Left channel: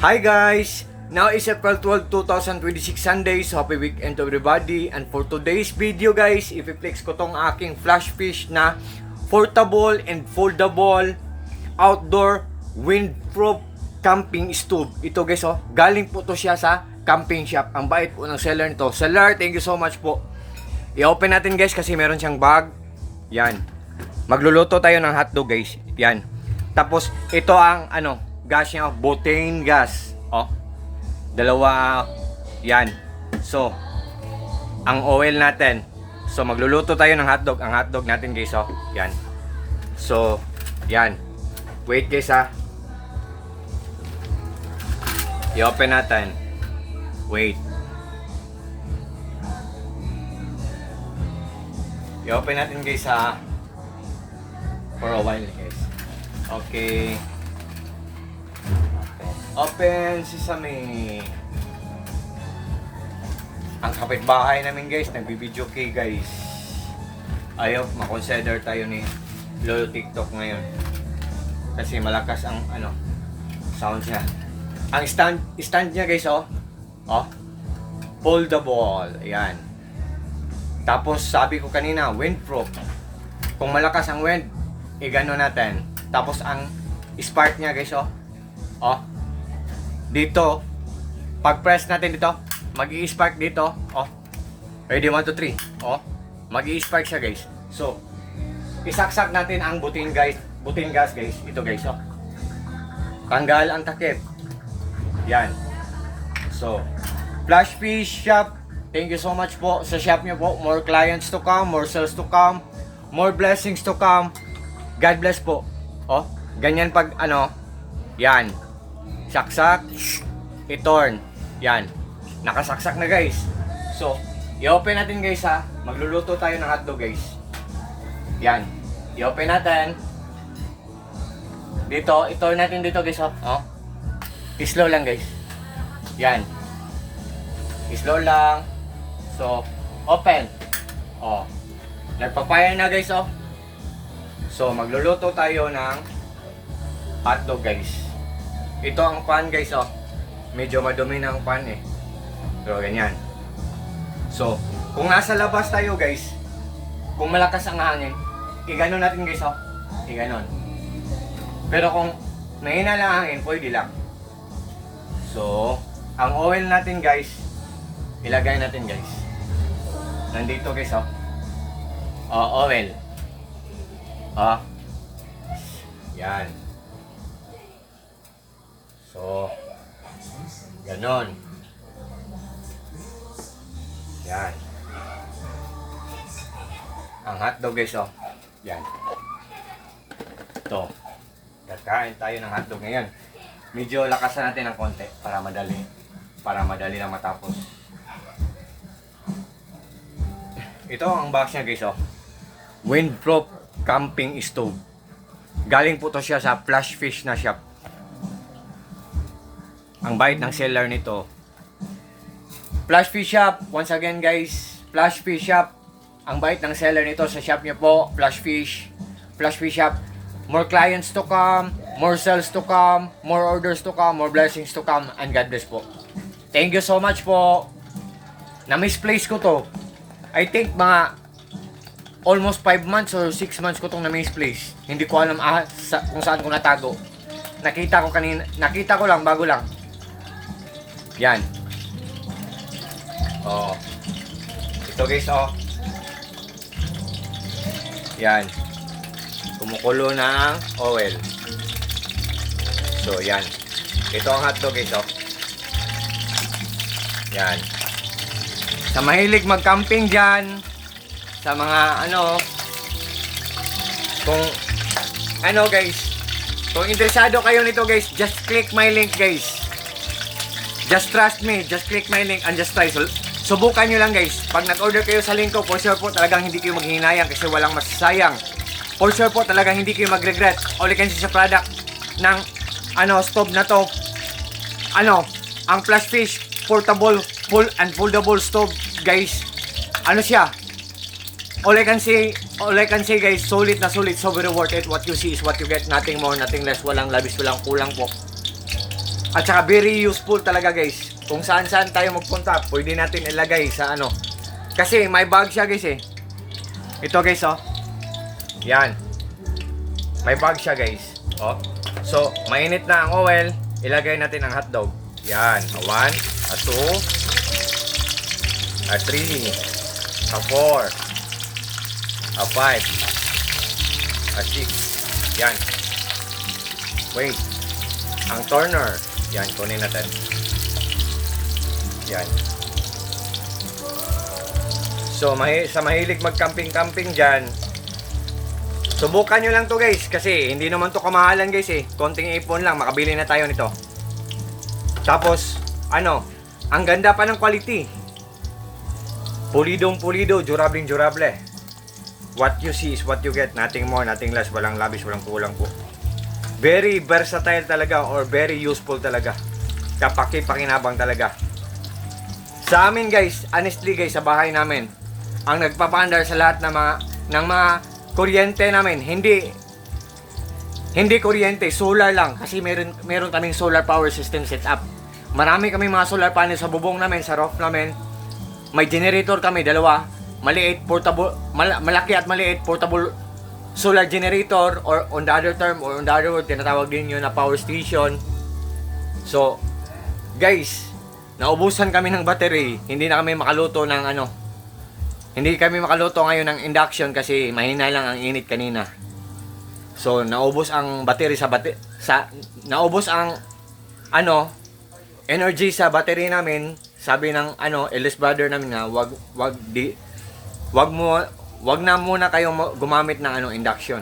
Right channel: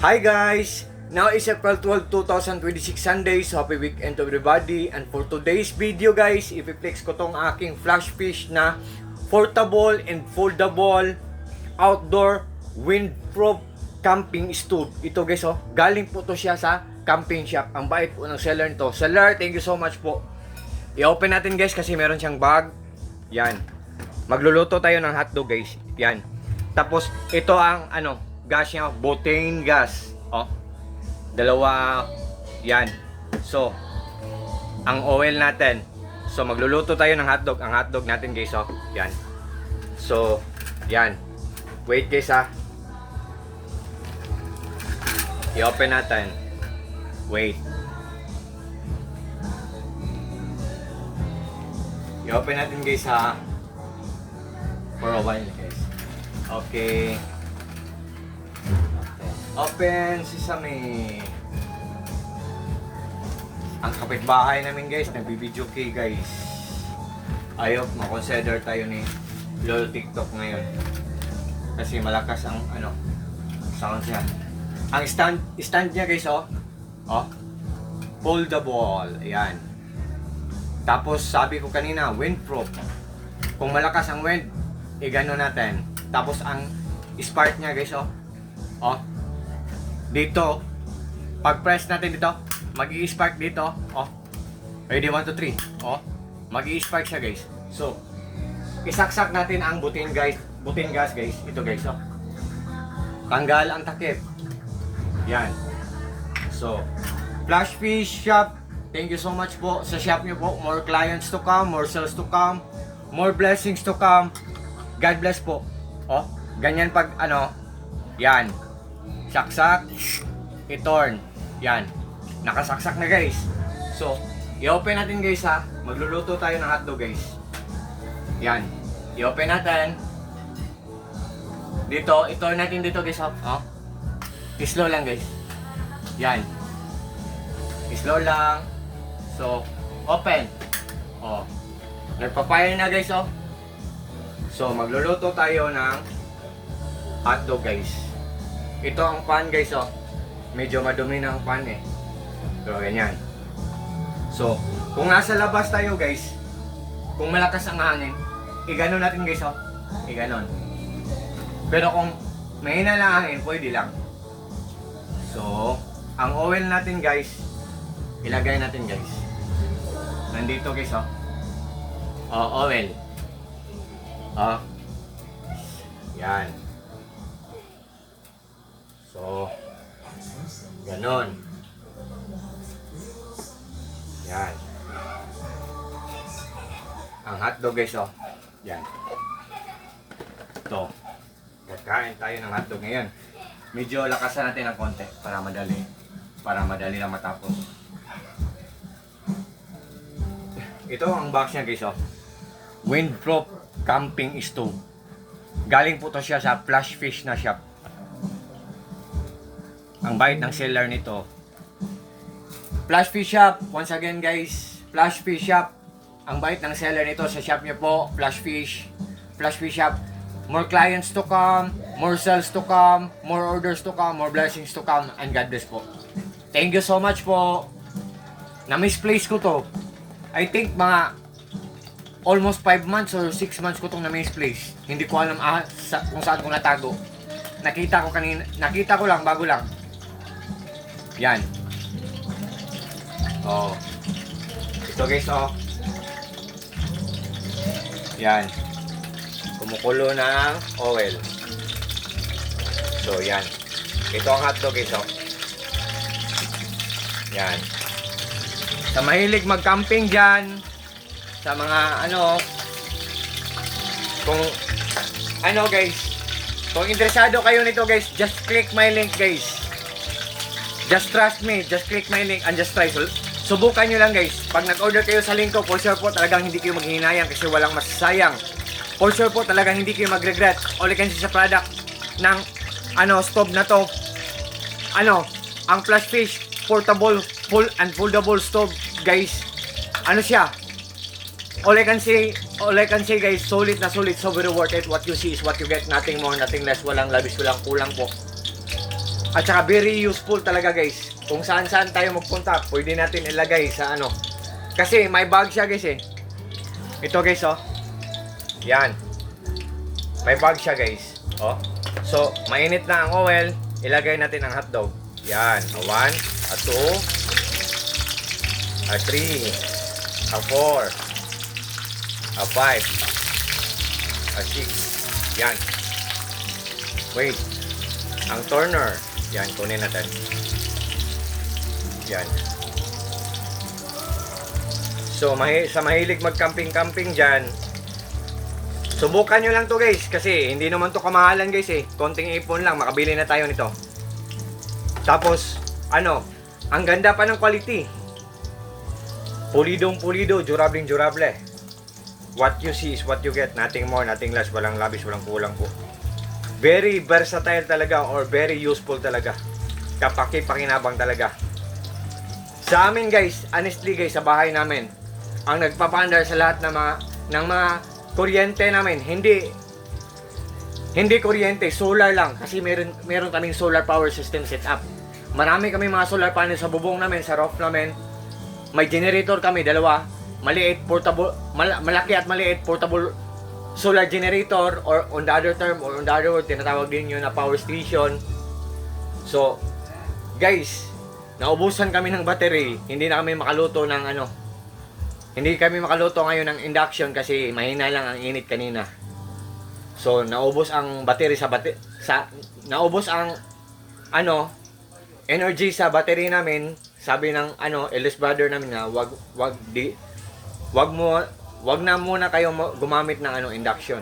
Hi guys! Now is April 12, 2026 Sunday, so happy weekend to everybody. And for today's video guys, i-flex ko tong aking flash fish na portable and foldable outdoor windproof camping stove. Ito guys galing po to siya sa camping shop. Ang bait po ng seller nito. Seller, thank you so much po. I-open natin guys kasi meron siyang bag. Yan. Magluluto tayo ng hotdog guys. Yan. Tapos ito ang gas niya, butane gas. Dalawa yan. So, ang oil natin. So, magluluto tayo ng hotdog. Ang hotdog natin guys, yan. So, yan. Wait guys I-open natin. Wait. I-open natin guys for a while guys. Okay. Open sesame. Ang kapitbahay namin guys, nagbibideo kay guys. Ayaw, makonsider tayo ni Lolo TikTok ngayon. Kasi malakas ang sound niya. Ang stand niya guys, foldable. Ayan. Tapos sabi ko kanina, windproof. Kung malakas ang wind, gano natin. Tapos ang spark niya guys, dito, pag press natin dito, mag-i-spark dito, ready 1, 2, 3, mag-i-spark siya guys. So, isaksak natin ang butane gas guys, ito guys, tanggal ang takip. Yan. So, Flash Fish Shop, thank you so much po sa shop niyo po. More clients to come, more sales to come, more blessings to come. God bless po. Ganyan pag yan. Saksak, i-turn. Yan. Nakasaksak na guys. So, i-open natin guys Magluluto tayo ng hotdog guys. Yan. I-open natin. Dito, i-turn natin dito guys slow lang guys. Yan. Slow lang. So, open. Nagpapire na guys So, magluluto tayo ng hotdog guys. Ito ang pan guys medyo madumi ng pan So ganyan. So kung nasa labas tayo guys, kung malakas ang hangin, iganon natin guys iganon. Pero kung mahina lang ang hangin, pwede lang. So ang oil natin guys, ilagay natin guys. Nandito guys oil. Yan. So, ganon. Yan. Ang hotdog guys yan. Ito. Kakain tayo ng hotdog ngayon. Medyo lakasan natin ng konti para madali na matapos. Ito ang box niya guys windproof camping stove. Galing po to siya sa Flash Fish na shop. Ang bait ng seller nito. Flash Fish Shop, once again guys, Flash Fish Shop. Ang bait ng seller nito sa shop niyo po, Flash Fish Shop. More clients to come, more sales to come, more orders to come, more blessings to come, and God bless po. Thank you so much po. Na-misplace ko to. I think mga almost 5 months or 6 months ko tong na-misplace. Hindi ko alam kung saan ko natago. Nakita ko lang, bago lang. Yan. Ito guys yan. Kumukulo ng oil. So yan. Ito ang hotdog guys Yan. Sa mahilig mag-camping dyan, sa mga kung guys, kung interesado kayo nito guys, just click my link guys. Just trust me, just click my link and just try. Subukan nyo lang guys. Pag nag-order kayo sa link ko, for sure po talagang hindi kayo maghihinayang kasi walang masasayang. For sure po talagang hindi kayo mag-regret. All you can see sa product ng stove na to. Ang Flash Fish portable full and foldable stove guys. Siya? all I can say guys, solid na solid, so very worth it. What you see is what you get, nothing more, nothing less, walang labis, walang kulang po. At saka very useful talaga guys. Kung saan-saan tayo magpunta, pwede natin ilagay sa ano. Kasi may bag siya guys eh. Ito guys oh. Yan. May bag siya guys. Oh. So, mainit na ang oil, ilagay natin ang hotdog. Yan. A 1, a 2, a 3, a 4, a 5, a 6. Yan. Wait. Ang turner. Yan, kunin natin. Yan. So, sa mahilig mag-camping-camping dyan, subukan nyo lang to guys. Kasi, hindi naman to kamahalan guys eh. Konting ipon lang, makabili na tayo nito. Tapos, ano, ang ganda pa ng quality. Pulidong pulido, durabling durable. What you see is what you get. Nothing more, nothing less. Walang labis, walang kulang po. Very versatile talaga or very useful talaga. Kapaki-pakinabang talaga. Sa amin guys, honestly guys, sa bahay namin, ang nagpapandar sa lahat ng mga kuryente namin, hindi kuryente, solar lang. Kasi meron kaming solar power system set up. Marami kaming mga solar panel sa bubong namin, sa roof namin. May generator kami, dalawa. Maliit, portable, malaki at maliit, portable solar generator, or on the other term, or on the other word, tinatawag din yun na power station. So, guys, naubusan kami ng battery. Hindi na kami makaluto ng ano. Hindi kami makaluto ngayon ng induction kasi mahina lang ang init kanina. So, naubos ang battery naubos ang ano, energy sa battery namin. Sabi ng ano, eldest brother namin na wag na muna kayong gumamit ng ano, induction.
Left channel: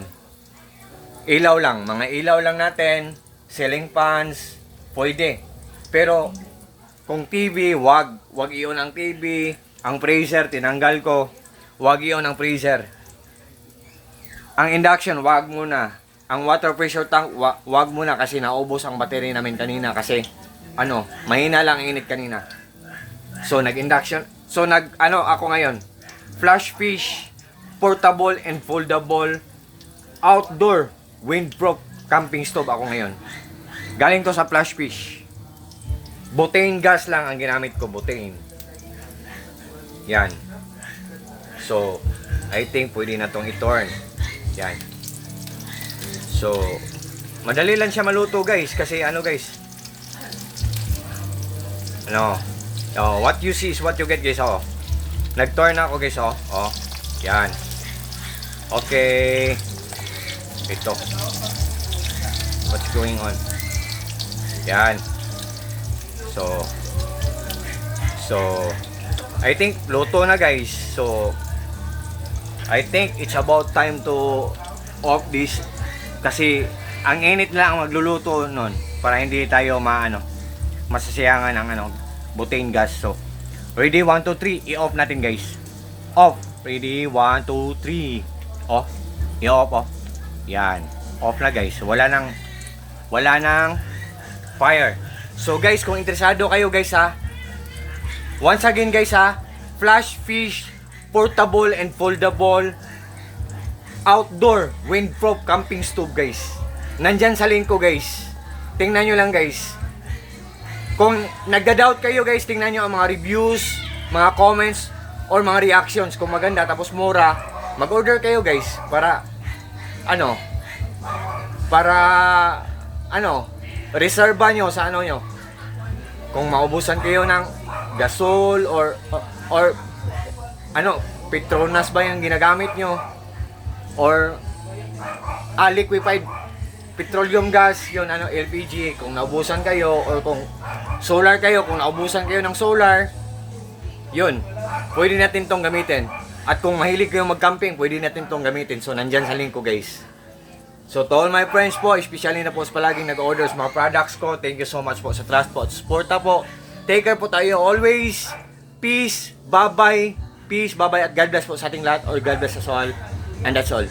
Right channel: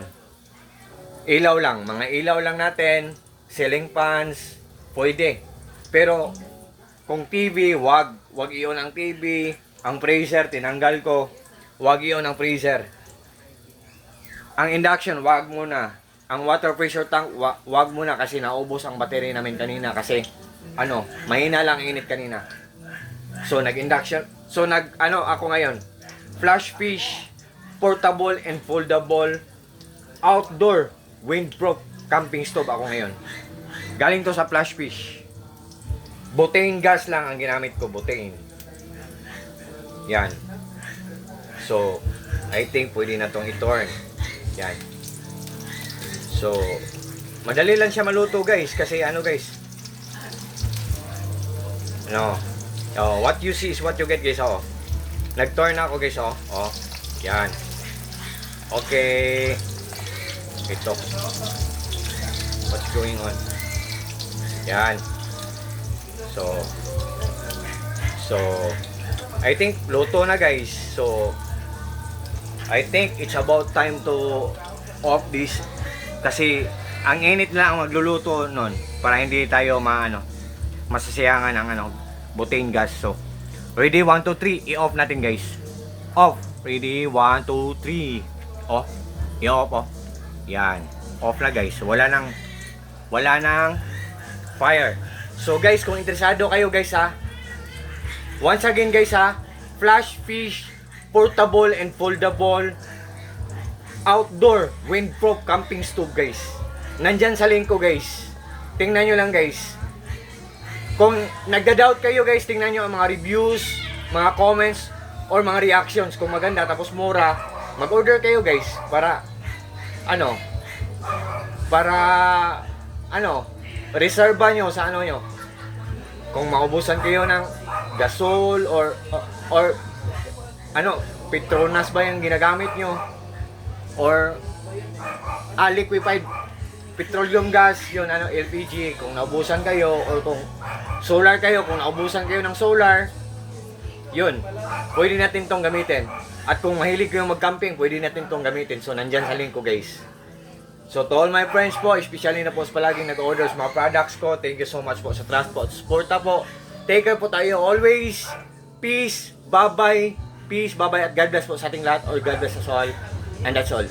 Ilaw lang, mga ilaw lang natin, ceiling fans, pwede. Pero kung TV, wag i-on ang TV. Ang freezer, tinanggal ko. Wag i-on ang freezer. Ang induction, wag muna. Ang water pressure tank, wag muna kasi naubos ang battery namin kanina kasi ano, mahina lang ang init kanina. So nag-induction. So ako ngayon, flash fish, portable and foldable, outdoor, windproof camping stove ako ngayon. Galing to sa flash fish. Butane gas lang ang ginamit ko, butane. Yan. So, I think pwede na tong i-turn. Yan. So, madali lang siya maluto guys. Kasi ano guys. What you see is what you get guys. Oh. Nag-turn na ako guys. Oh. Yan. Okay. Ito. What's going on? Yan. So, I think luto na guys. So, I think it's about time to off this. Kasi, ang init lang ang magluluto nun. Para hindi tayo masasiyangan ng butane gas. So, ready, 1, 2, 3. I-off natin guys. Off. Ready, 1, 2, 3. Off. I-off, oh. Yan. Off na guys. Wala nang fire. So guys, kung interesado kayo guys ha, once again guys ha, flash fish, portable and foldable, outdoor, windproof camping stove guys. Nandyan sa link ko guys. Tingnan nyo lang guys. Kung nagda-doubt kayo guys, tingnan nyo ang mga reviews, mga comments, or mga reactions. Kung maganda tapos mura, mag-order kayo guys. Para reserva nyo sa nyo. Kung maubusan kayo ng gasol or Petronas ba yung ginagamit nyo, or liquefied petroleum gas, yun LPG, kung naubusan kayo, or kung solar kayo, kung naubusan kayo ng solar, yun, pwede natin tong gamitin. At kung mahilig kayong mag-camping, pwede natin tong gamitin. So nandyan sa link ko guys. So to all my friends po, especially na po sa palaging nag-order sa mga products ko, thank you so much po sa trust po at support po. Take care po tayo always. Peace, bye-bye. Peace, bye-bye at God bless po sa ating lahat, or God bless us all. And that's all.